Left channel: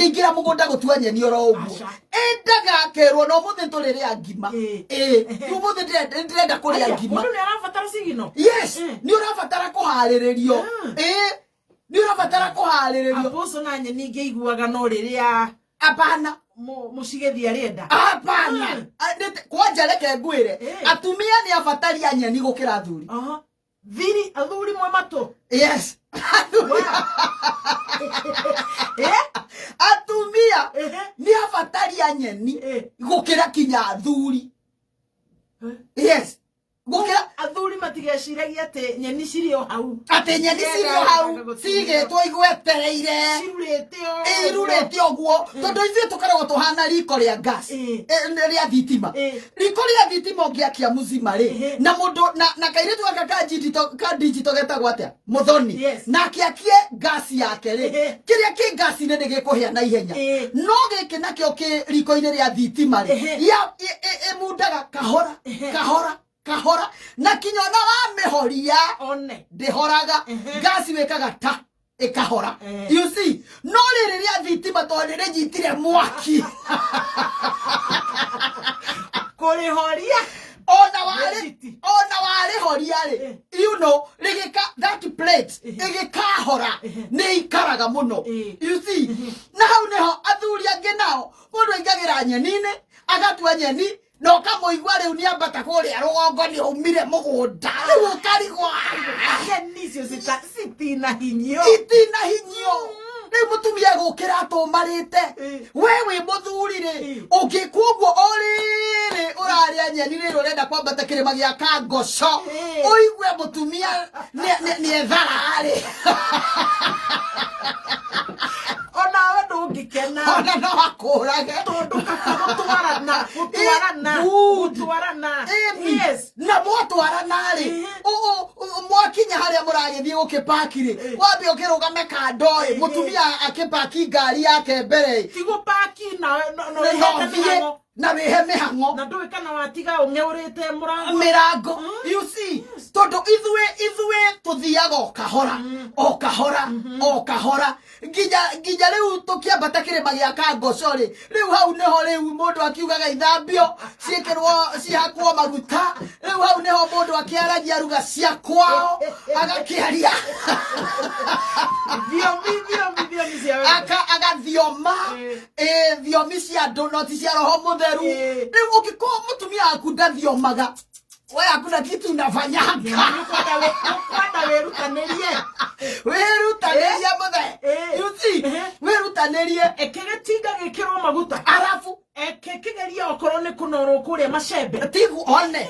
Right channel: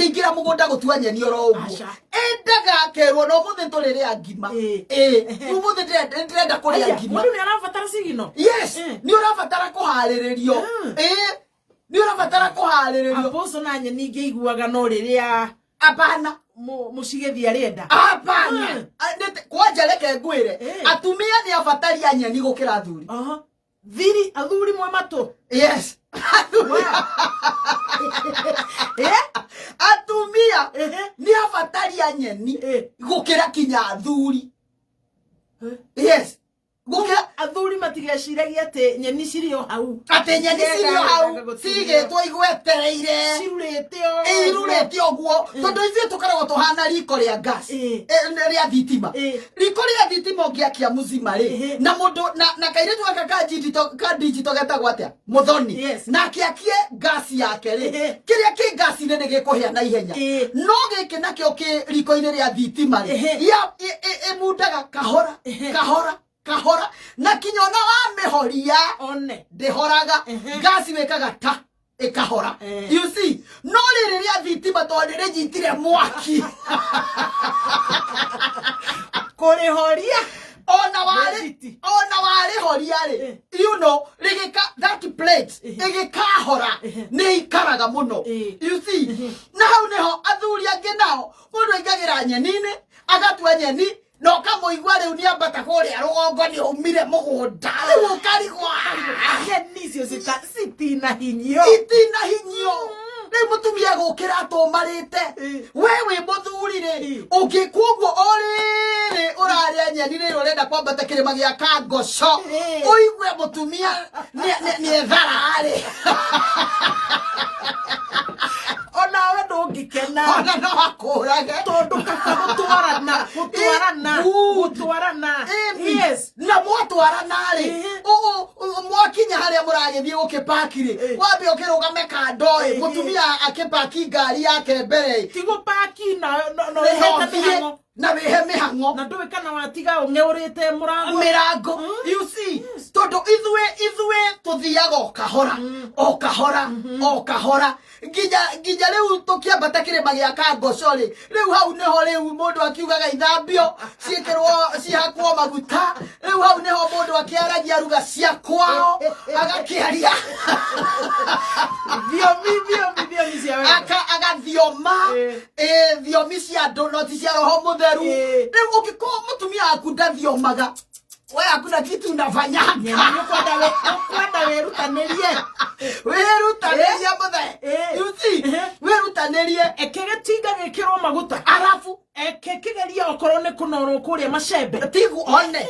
ngingira mugunda gutua nyeni oro uguo endaga kerwo no muthe tũrĩre ngima muthe ndĩrenda kũrĩa ngima mundu ni arabatara sigino yes ni ũrabatara kũharĩrĩrio ni ũrabatara kũharĩrĩrio Apostle na nyeni ngĩiguaga no rĩrĩa apana mucigethi arenda apana kwanja reke ngwĩre atumia ni abataria nyeni gũkĩra athuri thiri athuri mwe mato yes atumia ni abataria nyeni gũkĩra kinya athuri yes gũkĩra athuri matigeciragia ate nyeni cirio hau ate nyeni cirio hau cigĩtwo igwetereire irurĩte ũguo tondũ ithuĩ tũkoragwo tũhana riko rĩa gas rĩa thitima riko rĩa thitima ũngĩakia mũzima rĩ na mũndũ na kairĩtu gaka ka digital getagwo atĩa mũthoni na akiakie gas yake rĩ kĩrĩa kĩ gas-inĩ nĩ gĩkũhĩa na ihenya no gĩkĩ nakĩo kĩ riko-inĩ rĩa thitima rĩ ĩmundaga kahora na kinyona wa mehoria ndehoraga gasi wekaga ta ikahora you see no rĩrĩa thitima to rĩnyitire mwaki kũrĩhoria ona wale horia rĩ you know rĩgĩka that plate ĩgĩkahora nĩ ikaraga mũno you see na hau nĩho athuri angĩ nao mũndũ aingagĩra nyeni-inĩ agatua nyeni no kamuigwa riu ni ambata kuria rugongo ni umire mugunda riu ukarigwa nyeni cio citina hinyo riu mutumia gukira atumarite wewe muthuri ri ungikuguo oriri uraria nyeni ri urenda kwambata kirima gia kangoco uigwe mutumia ni ethara ari ona we ndungikena ona no akurage tondu gutwarana yes na mwatwarana ri mwakinya haria muragithie gukipaki ri wambe ukirugame kando mutumia akipaki ngari yake mbere tigupaki na wehe mihango na ndowe kana watiga ungeurite mirango you see tondu ithue tuthiaga o kahora nginya riu tukiambata kirima gia kangoco ri riu hau niho riu mundu akiugaga ithambio ciikirwo cihakwo maguta riu hau niho mundu akiaragia ruga cia kwao agakiaria agathioma thiomi cia andu no ti cia roho mutheru riu ũngĩkorwo mutumia waku ndathiomaga we hakuna kitu unafanyanga kwenda wirutanirie muthe you see wirutanirie ekegetinga gikirwo maguta arafu ekegeria okorwo ni kunorwo kuria macembe tigu one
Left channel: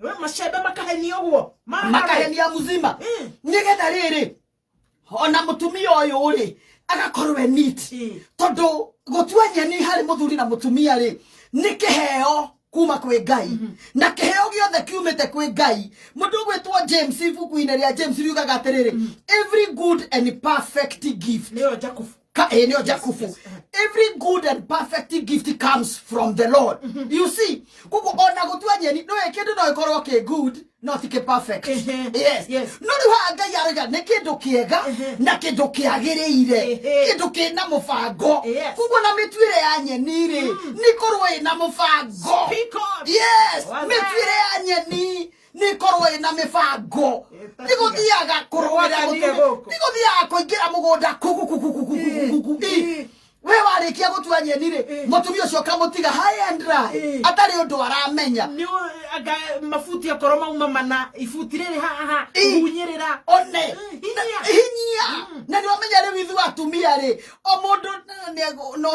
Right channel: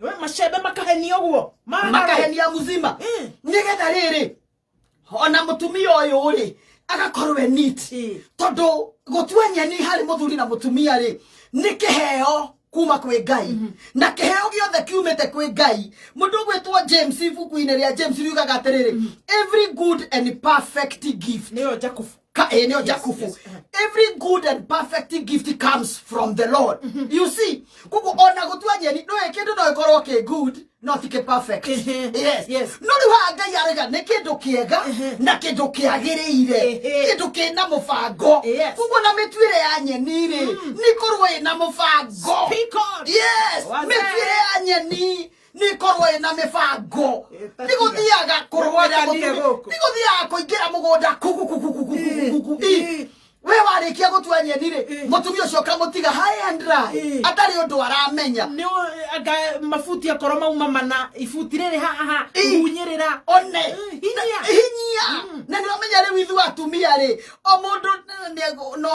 we macembe makahenia uguo makahenia muzima nigetha riri ona mutumia uyu ri agakorwe neat tondu gutua nyeni hari muthuri na mutumia ri ni kiheo kuma kwe Ngai na kiheo giothe kiumite kwe Ngai mundu gwetwo James ibuku-inĩ rĩa James riugaga atiriri every good and perfect gift nio Jakubu nio Jakubu every good and perfect gift comes from the Lord you see kuko ona gutua nyeni no ekindu no ikorwo ke good not ke perfect yes no riu Ngai arega ni kindu kiega na kindu kiagiriire kindu kina mubango kuko na mitwire ya nyeni ri ni korwo ina mubango yes mitwire ya nyeni ni korwo ina mibango ni guthiaga kurwira ni kuingira mugunda we warikia gutua nyeni ri mutumia ucio kamutiga high and dry atari undu aramenya ni aga mafuti akoro mauma mana ifuti riri haha unyirira one hinya na ndio menya ri withu atumia ri o mundu no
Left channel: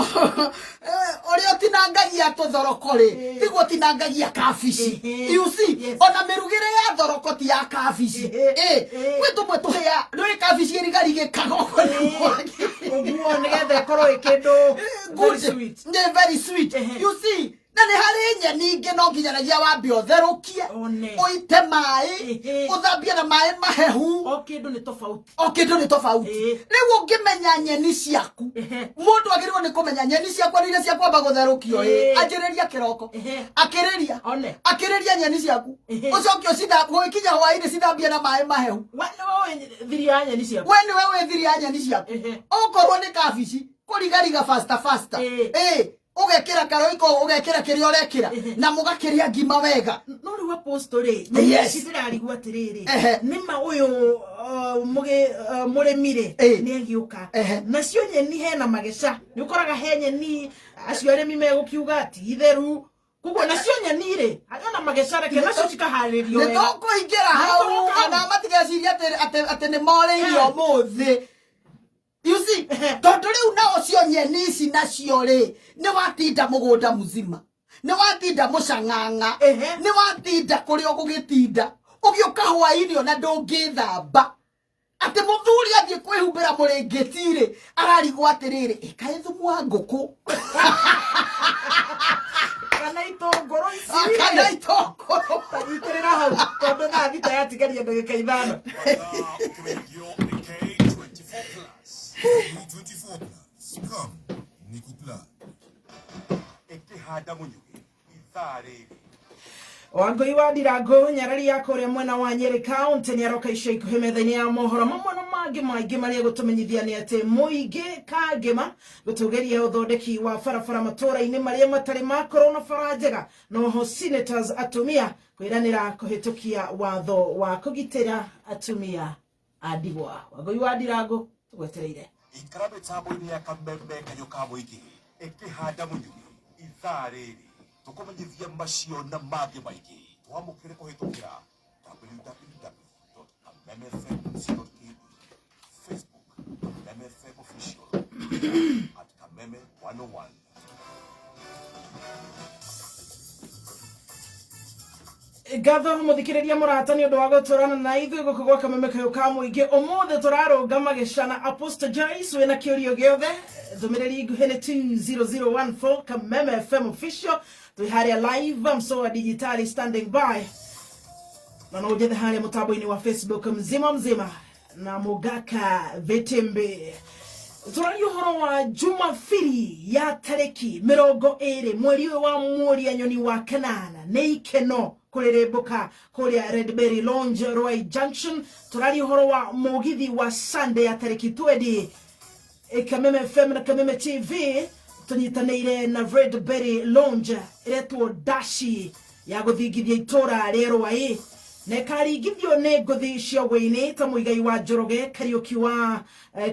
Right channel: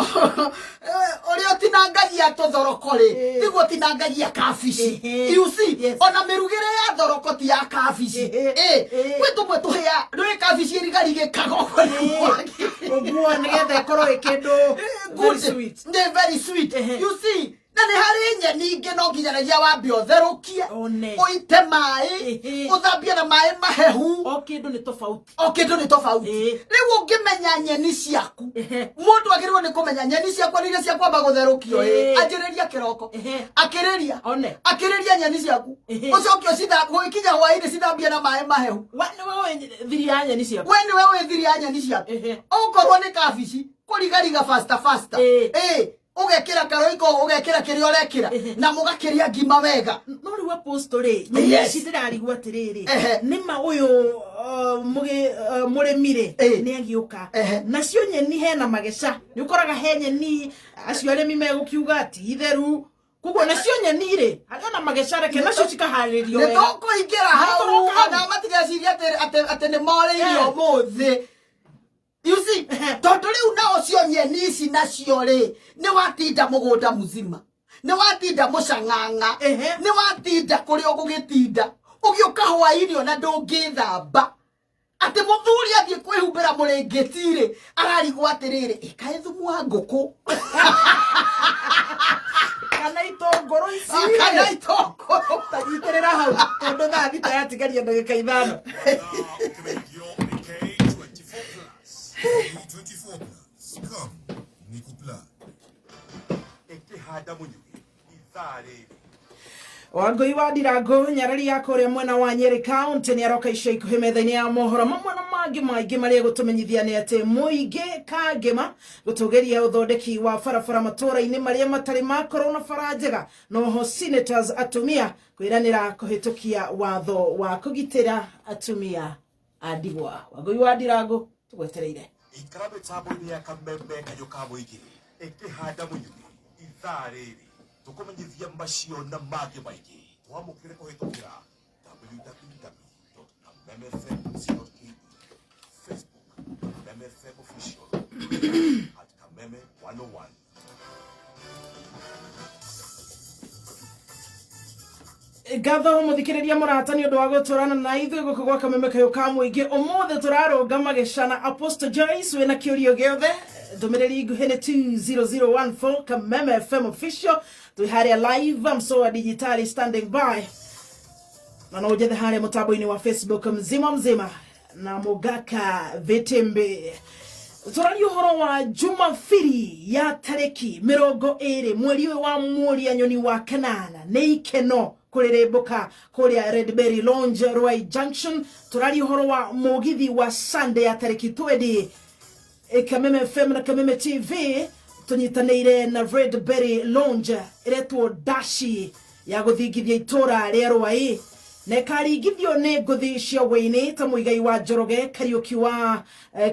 ori otinangagia tuthoroko ri tiguo tinangagia kabici you see ona mirugire ya thoroko ti ya kabici kwetu mwe tuhia ri kabici ri kago oguo nigetha ikorwo good sweet very sweet you see na ni hari nyeni ingi no nginyanagia wambe otherũkie uite mai uthambie na mai mahehu o kindu ni tofauti riu ungimenya nyeni ciaku mundu agirwo ni kumenya nyeni ciaku ni cia kwamba gutherũkio anjĩrĩria kiroko akĩrĩria nyeni ciaku ucokio gũkinya hwaĩ-inĩ cithambie na mai mahehu we ni wewe thiri ya nyeni ciaku okorwo ni kabici kurigariga faster ugekira karoiko ugekira kirio rekira na mugakiria ngima wega no ri apostole ni sidirarigwa atiriri nima uyu muremire ni agiuka nacio nyeni hena mageca ni ukoraga he nyeni acio aremi megukiuga ati itheru kuko nacio nyeni ri hana mageca reke nacio cikaharirio wega ni toko ingira hau ana matigeciria ati ni moreirio muthi. You see, tondu riu nao cio nyeni ici nacio ri ni watinda mugunda muzima ni watinda mucanganga ni watinda kuria gugitinda ugiuka hwaini ona ndungithamba ati muthuri athie kwihumbira muringitire ararigwo atiriri ikae thumu wa nguku kana itongoro tariterera hau tondu na thita yatigaria ndagika 5 24 plus. Come, Nikupla. Eke hada munyuki. Ithare. Wangoi wa Dirago nyarari yako ria mwena wa Nyeri County ni aroka ico ikuhe metha-ini ya mohoro mamwe na mangi maingi maria gutumenyithia ni ati muingi kagema gutugeria uthondeki wa barabara matura-ini maria matari makoro na bara njega noho senators atumia kwiranira kuhitukia watho wa kugitira atumia adigwa. Wangoi wa Dirago tugwetereire Ikarabe tabo ni ya kamembe kayoka muingi. Eke hada munyuki. Ithare. Tukumenyithia macio na magi maingi twamukire kuhitukira www.kamemefm.tv, Facebook kamemefm official at kameme 101. Gatho muthikiriria murata ni undu wa guturana na ithu guku gwa kameme kayoka muingi umuthi turarunga magicana Apostle Joyce wina kiurio giothe ndumiriri nguhene 20014 Kameme FM official tuharia live msoa digitali standing by na naujathe haria mutambo-ini wa Facebook mzima na mugaka vitembe turari uhoro wa Jumapili ya tareki 20 mweri wa mweri nyoni wa kanana ni ikeno kurerembuka kuria Redberry Lounge Ruai Junction. Turari uhoro wa mugithi wa Sunday ya tareki 20 Kameme FM na Kameme TV tunyitanire na Redberry Lounge iretwo dashi ya guthingithia itura ria Ruai na karingithio ni nguthi cia Waini ta muigai wa Njoroge Kariuki wa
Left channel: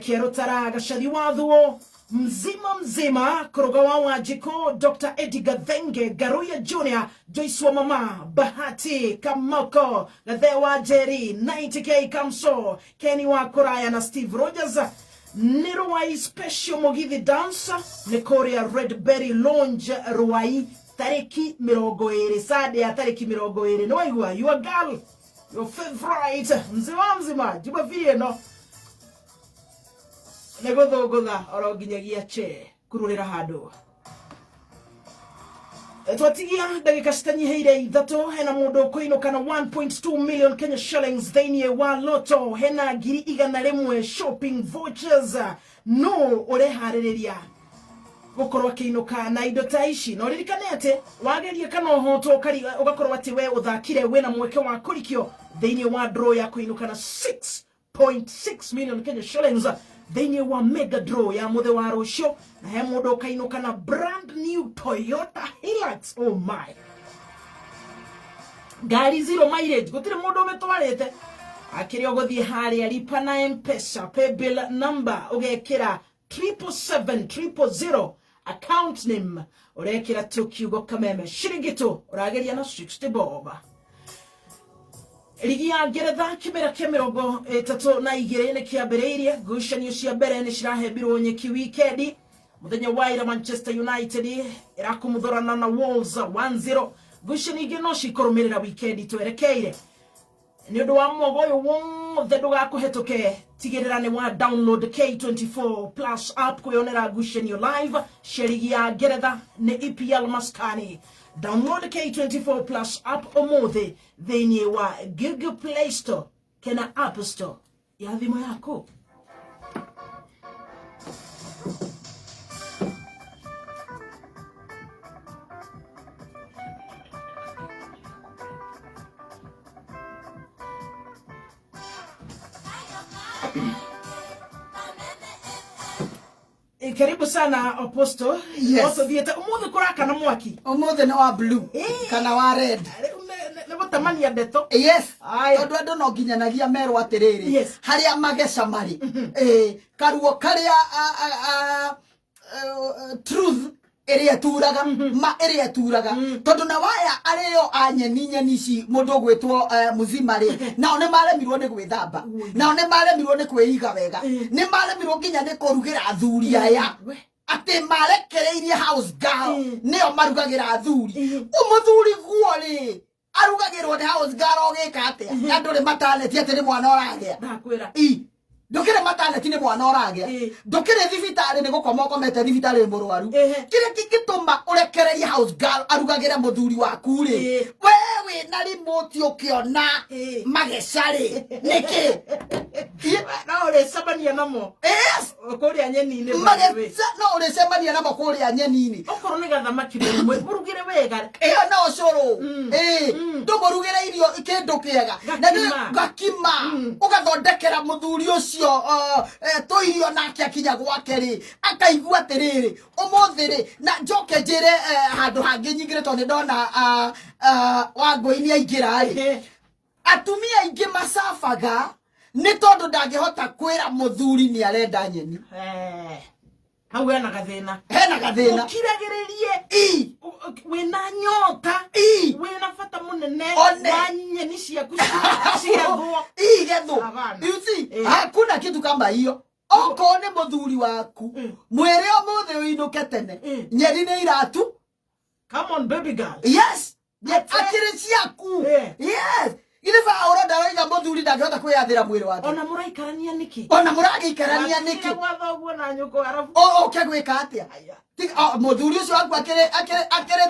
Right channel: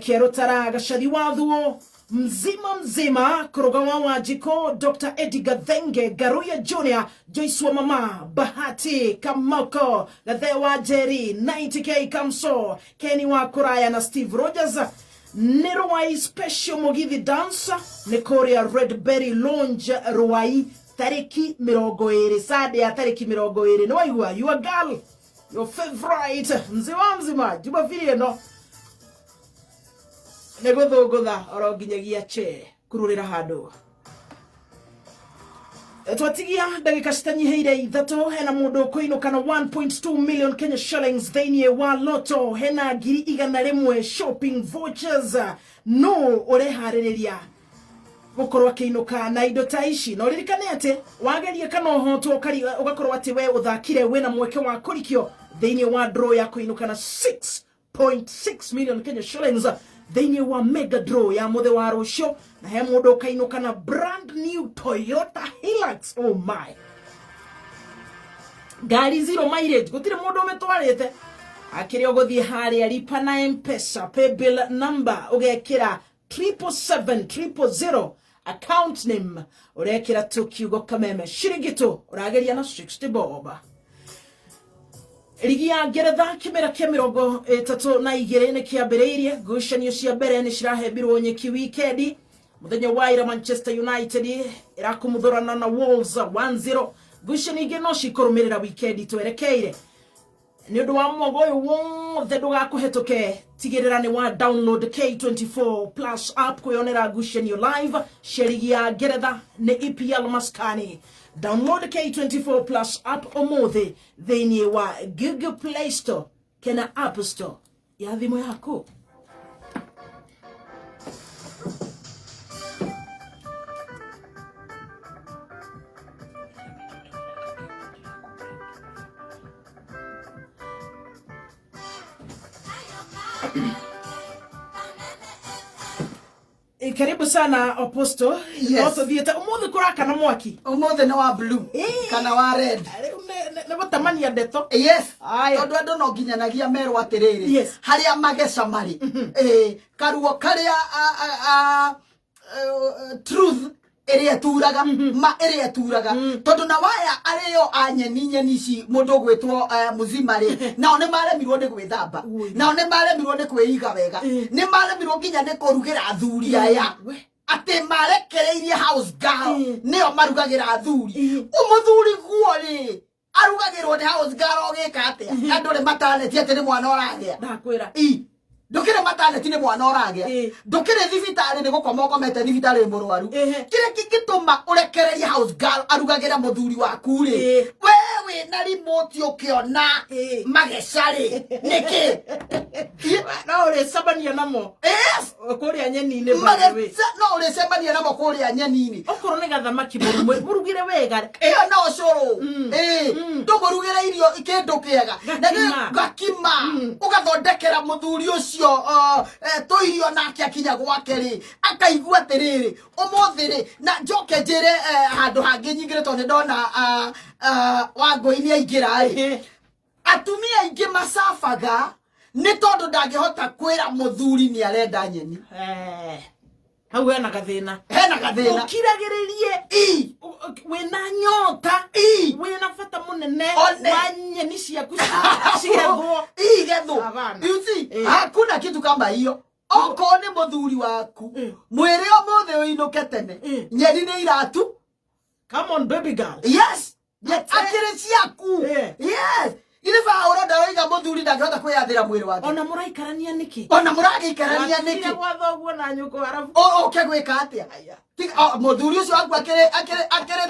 Kierutara Gacathi wa Thuo mzima kuruga wa Wanjiko Dr. Edgar Thenge Garuya Junior Joyce wa Mama Bahati Kamoko Gathe wa Jerry 90K Kamso Kenny wa Kuraya na Steve Rogers ni Ruai special mugithi dance ni Korea Redberry Lounge Ruai tariki 20 Sunday ya tariki 20 no waigua your girl your favorite mzima Jumapili no negotha oronginyagia che kururira handu twatigia ndagika citanyiheire ithatu hena mundu kuinukana 1.2 million Kenya shillings thainie wa loto hena 100,000 shopping vouchers no urehariria gukorwo akiinuka na indo ta ici no ririkane ati wageria kana uhotwo ugakorwo ati we uthakire wena mweke wa kurikio thainie wa draw ya kuinuka na 6.6 million Kenya shillings thainie wa mega draw ya muthe wa rucio na he mundu kainuka na brand new Toyota Hilux. Oh my, gari zero mileage gutire mundu umetwarite akirio guthie haria lipa na M-Pesa pay bill number ugekira 77700 account name urekira tukiugo Kameme shirigito urageria na 60 bob. Ligi ya Ngeretha kimera kia 32 ni kiambiriirie ngucanio cia mbere ni cirahebirwo nyeki wikendi muthenya wa ira Manchester United irakumuthorana na Wolves 1-0 ngucanio ingi no cikurumirira wikendi twerekeire ni undu wa mogoyo wothe ndugakuhetuke tigirira ni wa download K24 plus app kuyonera ngucanio live sherigi ya Ngeretha ni EPL maskani. Download K24 plus app umuthi thini wa Google Play Store kena App Store ya thimu yako. Karibu sana Apostle. Yes. Thiete umuthi kuraka na mwaki. Umuthi no wa blue kana wa red. Ne batamania ndeto. Yes. Tondu andu no nginyanagia merwo atiriri. Yes. Haria mageca mari. Karuo karia truth area turaga ma area turaga tondu na waya ario anyeni ci mundu gwitwo muzima ri nao ne maremirwo ni gwithamba nao ne maremirwo ni kwiiga wega ni maremirwo nginya ni kurugira athuri aya ati marekereirie house girl nio marugagira athuri umuthuri guo ri arugagirwo ni house girl ogika atia andu ni mataleti ati ni mwana oragia ndakwira ndukire mataneti ni mwana oragia ndukire thibitari ni gukoma ukomete thibitari murwaru kire kingituma urekererie house girl arugagira muthuri waku ri wewe na remote ukiona magecari niki no ure sabania namo kuria nyeni ni mageca no ure sabania namo kuria nyeni ni okoro ni gathamaki mwe burugire wega no curu ndumurugire irio kindu kiega na gakima ugathondekera muthuri ucio toirio nake akinya gwake ri akaigua atiriri umuthi ri na njoke njire handu hangi nyingire tondu ndona Wangui aingira ri atumia aingi masafaga ni tondu ndangihota kwira muthuri ni arenda nyeni hau hena gathina ukiragiririe wina nyota wina fata munene nyeni ciaku cigethwo you see hakuna kitu kama hiyo oko ni muthuri waku mwire umuthi uinuke tene nyeni ni iratu come on baby girl yes akiri ciaku yes ile fa uroda roiga muthuri ndangihota kwiyathira mwiri wake ona muraikarania niki wathoguo na nyuko arafu oke gwika atia muthuri ucio waku akire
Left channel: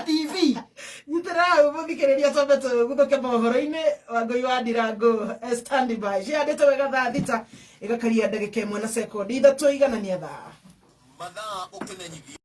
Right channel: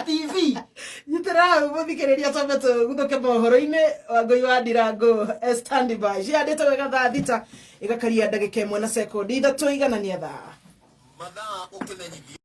TV nyitira muthikiriria sobeto guthuke mohoro-ini Wangui wa Ndirango stand by ciandite wega thaa thita igakaria ndagika 1 na sekondi 3 iganania thaa mathaa ukimenyithia